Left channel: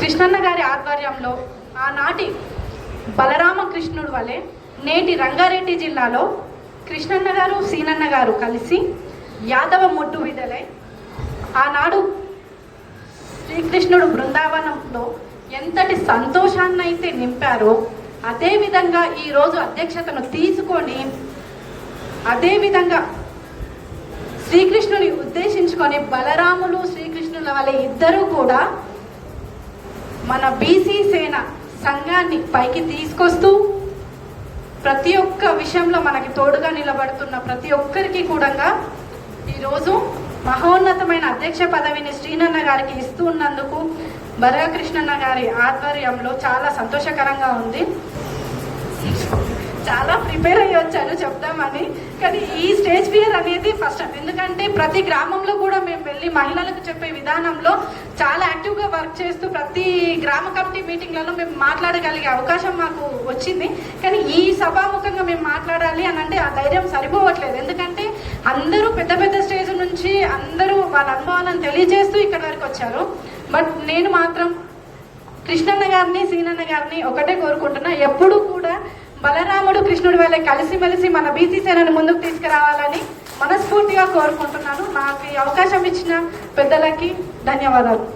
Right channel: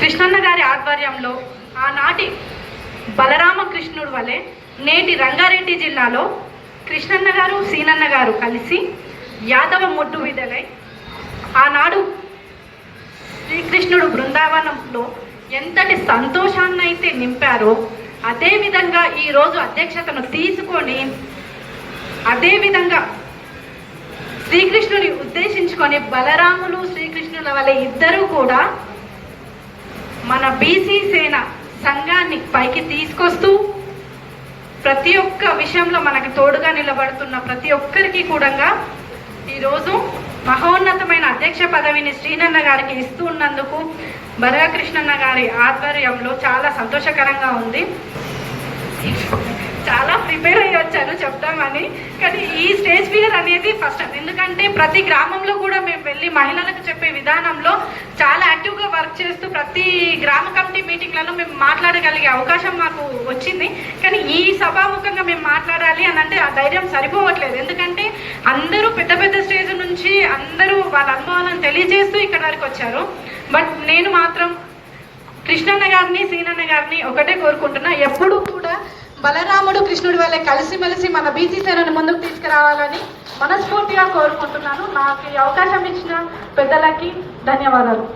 కృష్ణన్న గారి ఆధ్వర్యంలో ఆనాటి బలరామకృష్ణుడు వలె నేటి రంగారెడ్డి జిల్లాలో కృష్ణన్న గారు సీనన్న గారు కలిసి యాదవ మొట్టు విధలై ఆనాడు శ్రీకృష్ణుడు బృందావనంలో ఎంతటి సంతోషాన్ని అయితే నింపారో అదేవిధంగా ఈరోజు అధ్యక్షతను తీసుకొని అదేవిధంగా శ్రీకృష్ణుని ఉద్దేశించుకొని బలరాములు శ్రీకృష్ణుల వల్ల ఇద్దరూ కూడా మన బీసీ సేన సంఘాన్ని పైకి తీసుకొస్తూ ప్రతి ఒక్క విషయంలో మనకు తోడుగా నిలబడుతున్న ప్రతి ఒక్కరికి కూడా ఈరోజు మహోన్నతమైన అధ్యక్ష పదవిని శ్రీనన్న గారికి ఇస్తూ ఉన్నందుకు బలకృష్ణన్న గారి ఆధ్వర్యంలో చాలా సంతోషకరంగా ఉంది. చాలా ప్రిపేర్ అయ్యి వచ్చాను చెప్తామని, కానీ ఈ స్టేజ్ ఫియర్ అనేది ఫస్ట్. ఎందుకంటే ప్రతి గ్రామంలో కూడా మేము వెళ్ళి మహిళలకు చెప్పే విధానంలో చాలా యాక్టివ్గా వర్క్ చేస్తూ ప్రతి గ్రామ కమిటీ మీటింగ్లలో మేము మాట్లాడగలిగే అవకాశం మాకు వచ్చింది. కానీ ఈ సభాముఖంగా మేము మాట్లాడాలి అని అంటే ఆ ధైర్యం సరిపోవట్లేదు. ఎందుకంటే అందరూ పెద్ద పెద్ద స్టేజ్ నుంచి అందరూ వాళ్ళ అనుభవాలను తెలియజేస్తూ ఇక్కడ వరకు వచ్చారు. బట్ నేను మాత్రం కృష్ణన్న గారిని సీనన్న గారిని ఒకటే కోరుకుంటున్నా, ఎప్పుడూ కూడా బలరాముడు కృష్ణుడి వల్ల కలిసిమెలిసి మన బీసీ సేనను ముందుకు తీసుకురావాలని మనస్ఫూర్తిగా కోరుకుంటున్నాను. నాకు ఈ అవకాశం ఇచ్చిన పెద్దలకి ధన్యవాదాలు.